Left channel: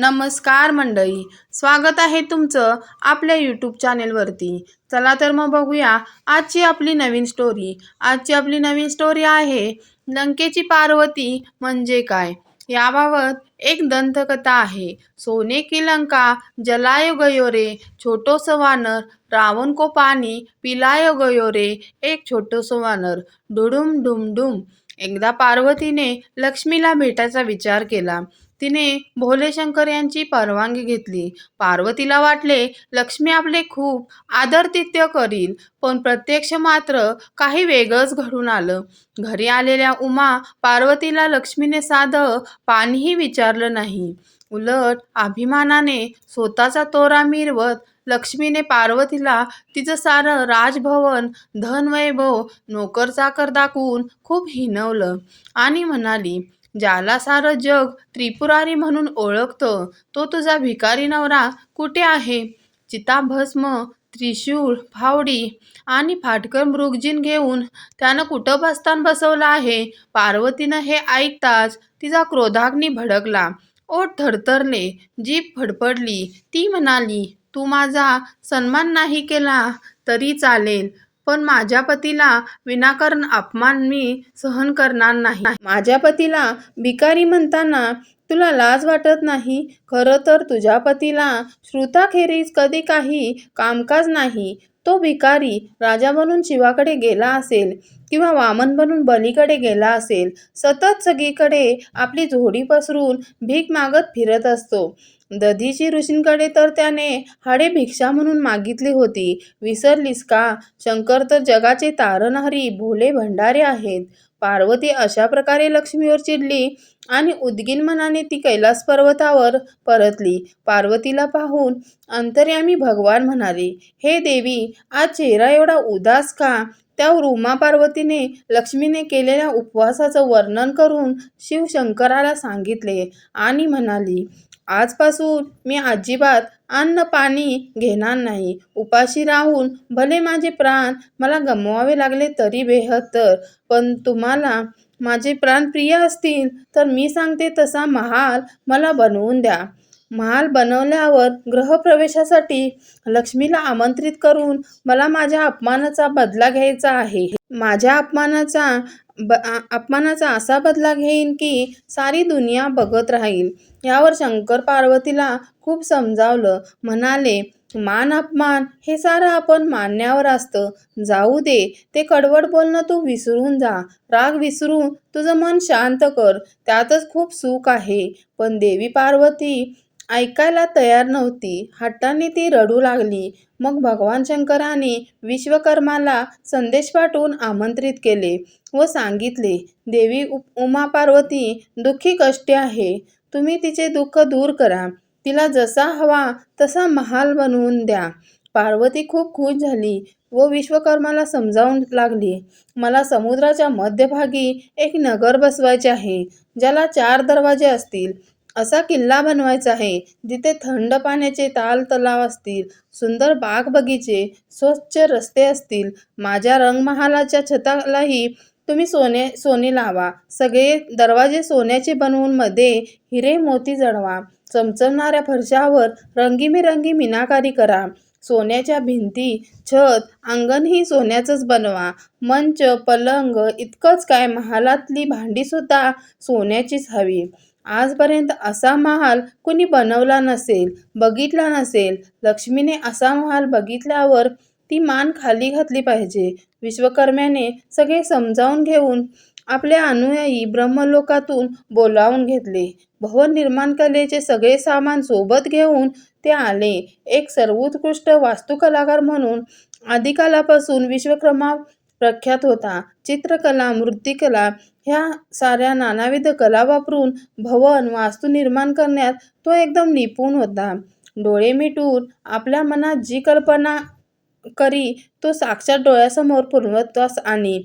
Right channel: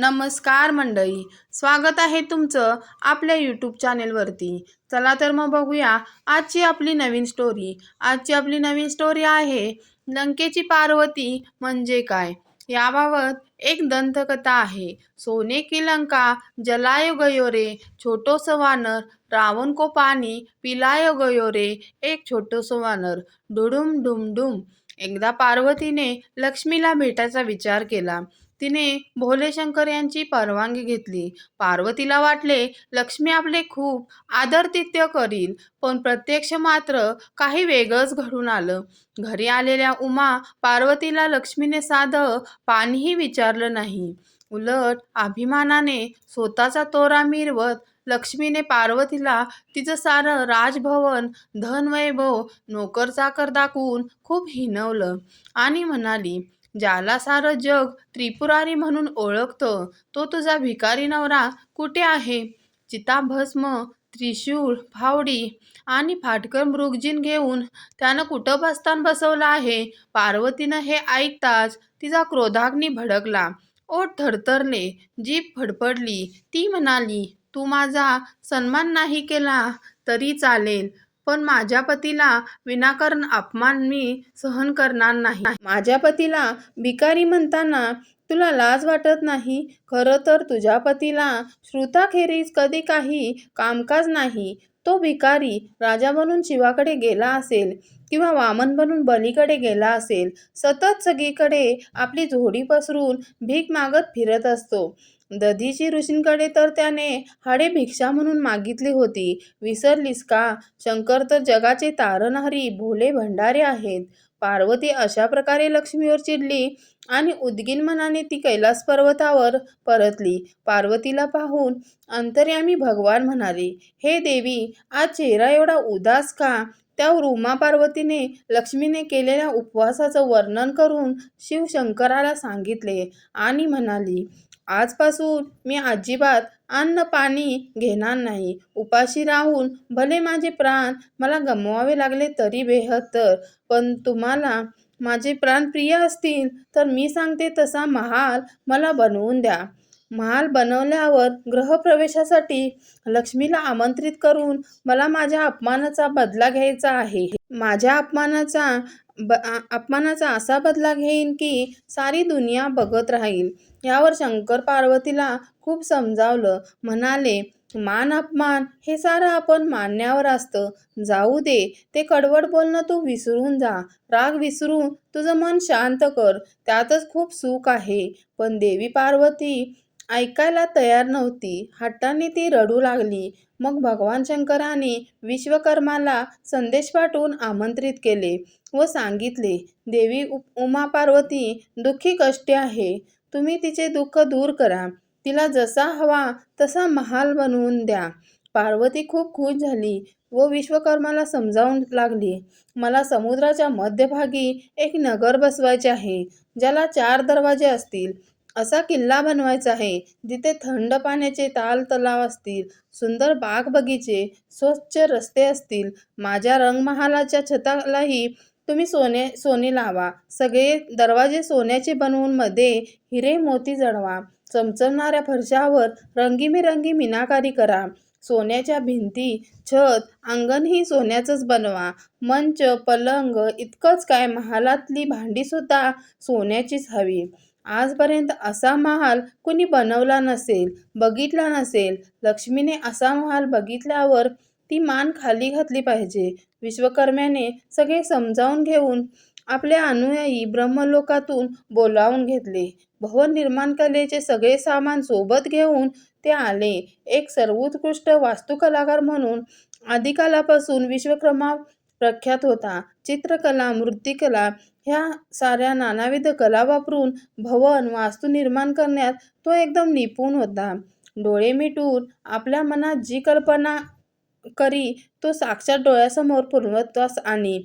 नमस्कार मंडळी, स्वागत आहे तुमचं आपल्या यूट्यूब चॅनेलवरती. चला तर मग बघूया आजची आपली नवीन स्टोरी. आजची आपली नवीन स्टोरी आहे लंकेची पार्वती म्हणजे काय, याबाबत एक दंतकथा आहे. सोने की लंका जलायो गयो रे, छोटोसं वानर रावण को पाणी पिलायो गयो रे, एक छोटोसं वानर. डुडुम डुम डुम. एकदा पार्वतीने लक्ष्मीला भेटायचा विचार केला. तिने भोले शंकर यांची परवानगी घेतली. पार्वतीला वाटले लक्ष्मी आपले खूप आदरातिथ्य करील, पण प्रत्यक्ष मात्र काही वेगळंच घडून आलं. घरी आलेल्या उमा पार्वतीला लक्ष्मीने साधं पाणीही विचारलं नाही. उलट अभिमानाने स्वतःचा तोरा मिरवत लक्ष्मीने पार्वतीला तिचं सारं राजभवन, धनवैभव, नोकर-चाकर दाखवून खूप हिणवलं आणि म्हणाली, ज्याला सारं जग त्रिपुरारी म्हणून ओळखतं, तो तुझा भिकारी नवरा कुठे आहे? चिताभस्म, त्रिशूळ, फावडी आणि फाटकर मृगजीन घेऊन त्यानं कुठं बस्तान बसवलं आहे? पार्वतीनं हे ऐकताच तिचा क्रोधाग्नी भडकला. ओठ थरथरले, जीभ फडफडली. ती म्हणाली, तू माझा सन्मान नाही केला तरी चालेल, पण माझ्या पतीला विनाकारण अपमान मी सहन करणार नाही. माझ्या पतीला भिकारी म्हणताना तुला लाज वाटत नाही? खरं तर तुझ्या पतीला श्रुताखेरीज कधी काही कामकाज नाही. तो भिकारी राजा बनून शिवाकडे गेला असेल किंवा वामन बनून बलीकडे गेला असेल. सतत सगळीकडे आपली झोडी पसरून भीक मागत फिरत असतो. दधीची ऋषींकडे तर त्याने हाडे भिक्षा म्हणून मागितली होती. विसरलीस का? शंकर तर जगाचे तारणहारी भोले भंडारी आहेत. पार्वती अशा प्रकारे लक्ष्मीवर चिडली आणि उद्गीन मनाने ती कैलास पर्वतावर परतली. पार्वतीला पाहून अंतर्यामी भगवान म्हणाले, हे देवी, आज चेहरा एवढा उदास का? त्यावर उमा पार्वतीने लक्ष्मीने केलेल्या उपवासाचं वर्णन करून शिवशंकराला सांगितले आणि म्हणाली, आजपासून मी अजिबात अन्न पाणी घेणार नाही. उपाशी राहून भले माझे प्राण मला गमवावे लागले तरी बेहत्तर, पण तुम्हाला माझे प्राण प्रिय असतील तर मी सांगते तसा महाल मला बनवून द्या. महाल बनवल्यावर गृहप्रवेशासाठी लक्ष्मीला आमंत्रित करून मला माझ्या अपमानाचा बदला घ्यायचा आहे. माझ्या अपमानाचा असा बदला घेईन की सारी दुनिया बघत राहील. यावर शंकर पार्वतीला खूप समजावलं. म्हणाले, मान अपमान हे सारं आपण मानण्यावर असतं. जाऊ दे, ते कडवट बोलणं तू विसरून जा. राग विसरून तुझं मन शांत कर, त्यातच खूप सुख आहे. पण देवी पार्वती ऐकायला तयार नव्हती. हट्टाने ती रडू लागली. मग भगवान शंकराने विश्वकर्माला संदेश पाठवून आमंत्रित केले व सांगितले, देवी उमा पार्वती दुःखी कष्टी आहे. तुम्ही तिचे दुःख दूर करा. तिला जसा हवा तसा महाल बनवून द्या. पार्वती खूप खुश झाली व विश्वकर्माला समजावून लागली, मला समुद्राच्या मध्यभागी एक नगर बसवायचे आहे, ज्याला 4 दरवाजे असतील. असा किल्ला बनवायचा आहे, जिथे थंड पाण्याचे तलाव असतील, सुंदर बाग बगीचे, स्वच्छ रस्ते असतील. माझ्या रंगमहालाच्या छतालाही तुम्ही सोने लावा. सगळे दरवाजे सोन्याचे बनवून मध्ये हिरे मोती जडवा. चमचमणाऱ्या फरशावर रंगीबेरंगी मीनाकारी करा. सोन्याच्या भिंती, छत, अंगणही सोन्याचंच बनवा. मंच, पलंग इतकंच काय, महालातली भांडीसुद्धा सोन्याचीच हवी. आजपर्यंत असा महाल कुणी बनवला नसेल, बघितला नसेल. लक्ष्मीने असा महाल बघितल्यावर ती मान खाली घातली पाहिजे. विश्वकर्म्याने सगळे समजावून घेऊन आपले अनुयायी ब्रह्मलोकातून बोलावून घेतले. भवन निर्माण कलेचे सगळे सामान सोबत घेऊन ते आले. एक सर्वोत्कृष्ट वास्तुकलाकार म्हणून आदिकालापासून विश्वकर्मा प्रख्यात होता. चित्रकला, मूर्तिकला ह्या साऱ्या नानाविध कला वापरून भवन वास्तू निर्माण करण्यात तो एकदम निपुण होता. डोळे मिटून आपल्या मनात जी कल्पना करी तो साक्षात डोळ्यासमोर पूर्णत्वास आणि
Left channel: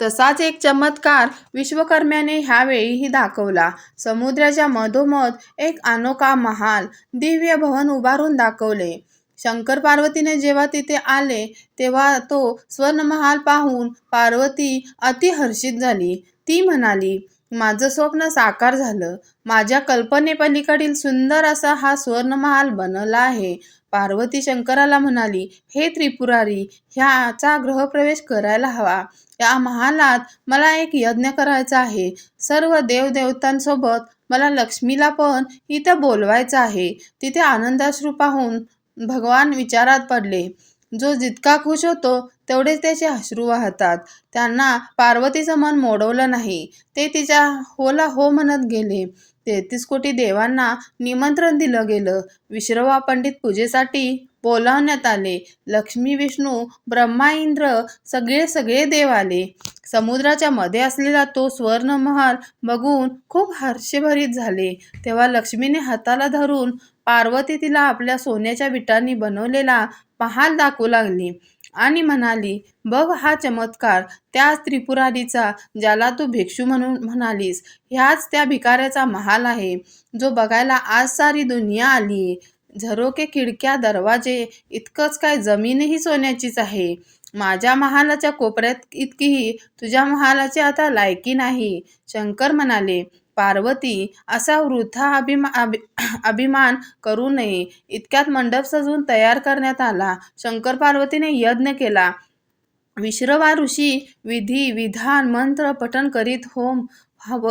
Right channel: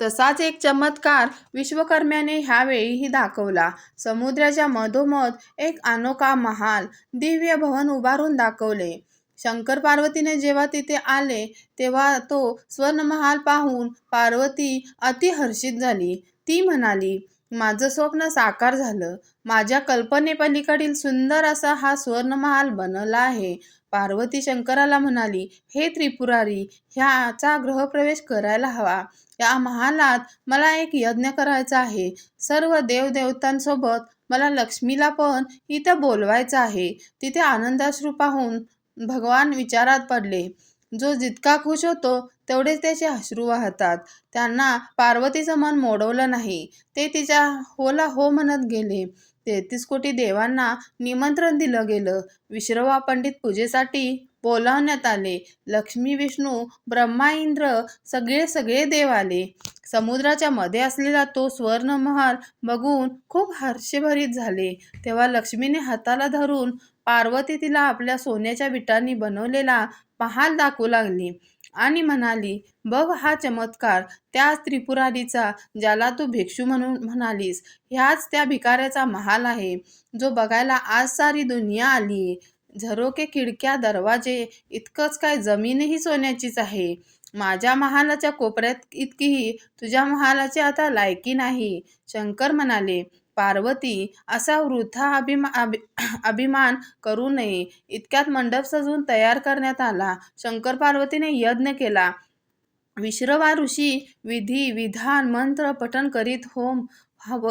तसाच एक चमत्कार विश्वकर्म्याने ह्यावेळीही दाखवला. समुद्राच्या मधोमध एक अनोखा महाल, दिव्य भवन उभारून दाखवले. शंकर पार्वतीने जेव्हा तिथे आले तेव्हा तो स्वर्णमहाल पाहून पार्वती अति हर्षित झाली. ती म्हणाली, माझं स्वप्न साकार झालं. माझ्या कल्पनेपलीकडील सुंदर असा हा स्वर्णमहाल बनला आहे. पार्वती शंकराला म्हणाली, हे त्रिपुरारी, ह्याचा गृहप्रवेश करायला हवा. या महालात मला एक यज्ञ करायचा आहे. सर्व देवदेवतांसोबत मला लक्ष्मीला पण इथं बोलवायचं आहे. तिथे आनंदाश्रू पाहून भगवान विचारात पडले. जो जितका खुश होतो तेवढेच त्याचे अश्रू वाहतात. त्यांना पार्वतीचं मन मोडवलं नाही. ते तिच्या होला हो म्हणत गेले. 33 कोटी देवांना निमंत्रण दिलं गेलं. विश्रवा पंडित पूजेसाठी बोलावण्यात आले. लक्ष्मी, विष्णू, ब्रह्मा, इंद्र सगळे सगळे देव आले. समुद्राच्या मध्ये असलेला तो स्वर्णमहाल बघून खूप हर्षभरित झाले. तेव्हा लक्ष्मीने हाताला धरून पार्वती तिला आपल्या सोन्याच्या विटांनी बनवलेला महाल दाखवू लागली आणि म्हणाली, बघ हा चमत्कार, त्याच त्रिपुरारीचा, ज्याला तू भिक्षू म्हणून म्हणालीस, ह्याच त्या भिकाऱ्याचा महाल आहे, जो बघायला आज सारी दुनिया आलीये. झरोके, खिडक्या, दरवाजे, इतकंच काय जमीनही सोन्याचीच आहे. माझ्या महालाच्या कोपऱ्यात इतकीही तुझ्या महालाची आता लायकी नाही. शंकर म्हणाले, पार्वती, असा वृथा अभिमान करू नये. इतक्यात मंडप सजवून तयार करण्यात आला. शंकर पार्वतीने यज्ञ केला. विश्रवा ऋषी विधी विधान मंत्र पठण करीत होम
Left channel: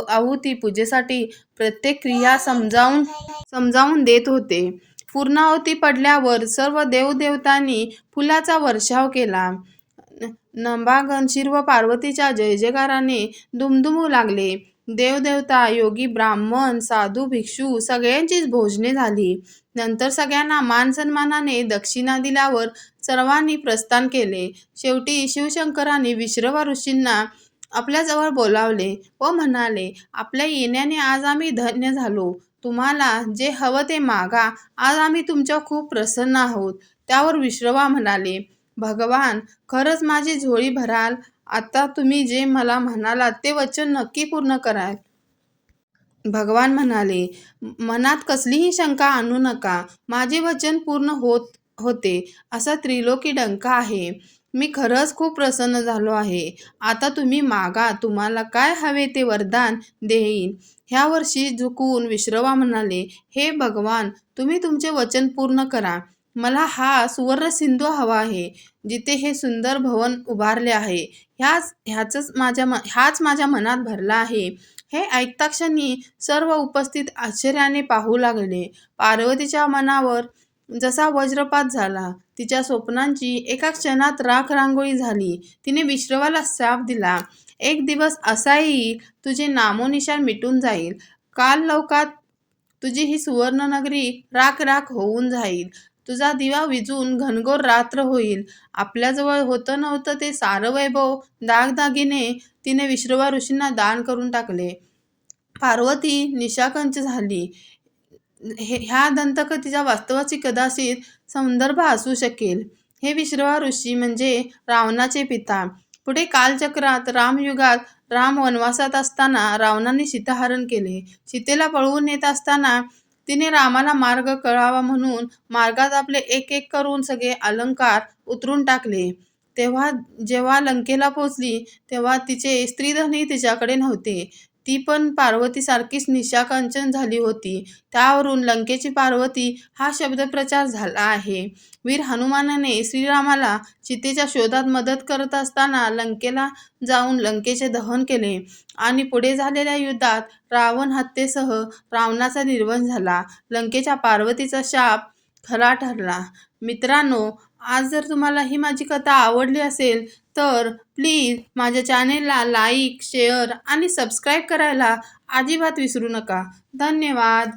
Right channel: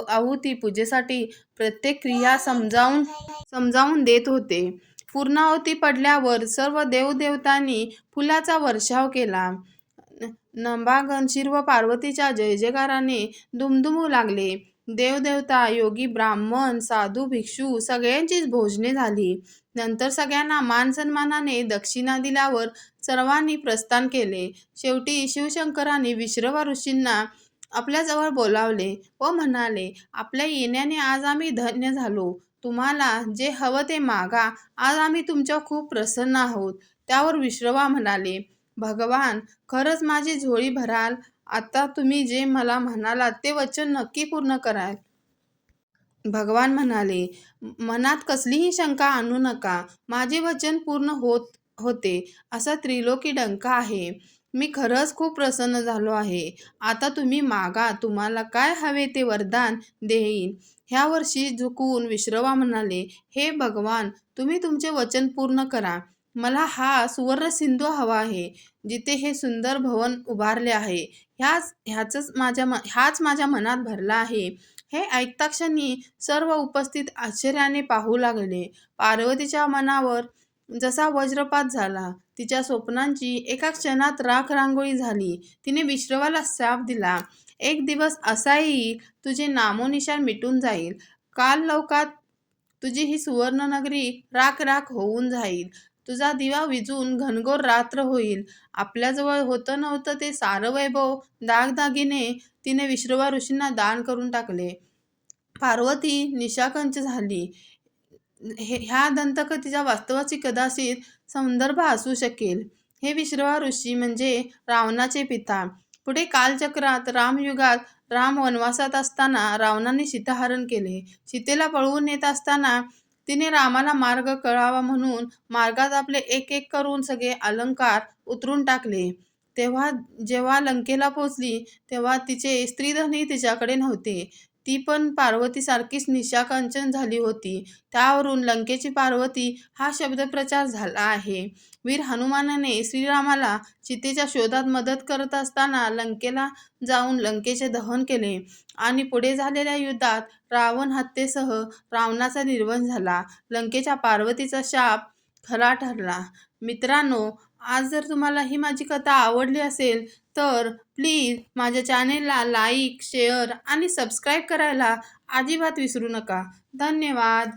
आहुती पूजेसाठी प्रत्येक क्रिया समजावून देत होते. पूर्णाहुती पडल्यावर सर्व देवदेवतांनी फुलाचा वर्षाव केला. नभागण शिव पार्वतीच्या जय जयकाराने दुमदुमू लागले. देवदेवता, योगी, ब्राह्मण, साधू, भिक्षू सगळ्यांचीच भोजने झाली. नंतर सगळ्यांना मान सन्मानाने दक्षिणा दिल्यावर सर्वांनी प्रस्थान केले. शेवटी शिवशंकरांनी विश्रवा ऋषींना आपल्याजवळ बोलावले व म्हणाले, आपल्या येण्याने आज आम्ही धन्य झालो. तुम्हाला जे हवं ते मागा. आज आम्ही तुमच्या खूप प्रसन्न आहोत. त्यावर विश्रवा म्हणाले, भगवान, खरंच माझी झोळी भराल. आता तुम्ही जे मला म्हणालात ते वचन नक्की पूर्ण कराल. भगवान म्हणाले, मनात कसलीही शंका आणू नका. माझे वचन पूर्ण होते असा त्रिलोकी डंका आहे. मी खरंच खूप प्रसन्न झालो आहे. आता तुम्ही मागा. तुम्हाला काय हवे ते वरदान देईन. ह्या वर्षी झुकून विश्रवा म्हणाले, हे भगवान, तुम्ही तुमचे वचन पूर्ण करा. मला हा सुवर्ण सिंधू हवा आहे, जिथे हे सुंदर भवन उभारले आहे. हाच माझ्या मनात भरला आहे. हे ऐकता क्षणी सर्व उपस्थित आश्चर्याने पाहू लागले. पार्वतीच्या मनावर जसा वज्रपात झाला. तिच्या स्वप्नांची एका क्षणात राख रांगोळी झाली. तिने विश्रवाला शाप दिला, एक दिवस असा येईल तुझे नामोनिशाण मिटून जाईल. काल लौकात तुझी ही सुवर्ण नगरी राख राख होऊन जाईल. तुझा दिवा विजून घनघोर रात्र होईल. आपल्याजवळ होतं नव्हतं ते सारं वैभव, दागदागिने तिने विश्रवा ऋषींना दान करून टाकले. पार्वती निशाकंच झाली. ह्या दंतकथेच्या वास्तवाची कदाचित संदर्भ असू शकेल. हे विश्रवा ऋषी म्हणजे रावणाचे पिता. पुढे कालचक्रात रामयुगात राम वनवासात असताना रावणाने सीताहरण केले. सीतेला पळवून नेत असताना तिने रामाला मार्ग कळावा म्हणून मार्गात आपले एक एक करून सगळे अलंकार उतरून टाकले. तेव्हा जेव्हा लंकेला पोचली तेव्हा तिचे स्त्रीधनही तिच्याकडे नव्हते. ती पण पार्वतीसारखीच निशाकंचन झाली होती. त्यावरून लंकेची पार्वती हा शब्दप्रचार झाला आहे. वीर हनुमानाने श्रीरामाला सीतेच्या शोधात मदत करत असताना लंकेला जाऊन लंकेचे दहन केले आणि पुढे झालेल्या युद्धात रावण हत्येसह रावणाचा निर्वंश झाला. लंकेच्या पार्वतीचा शाप खरा ठरला. मित्रांनो, आज जर तुम्हाला ही माझी कथा आवडली असेल तर प्लीज माझ्या चॅनेलला लाईक, शेअर आणि सबस्क्राईब करायला अजिबात विसरू नका. धन्यवाद.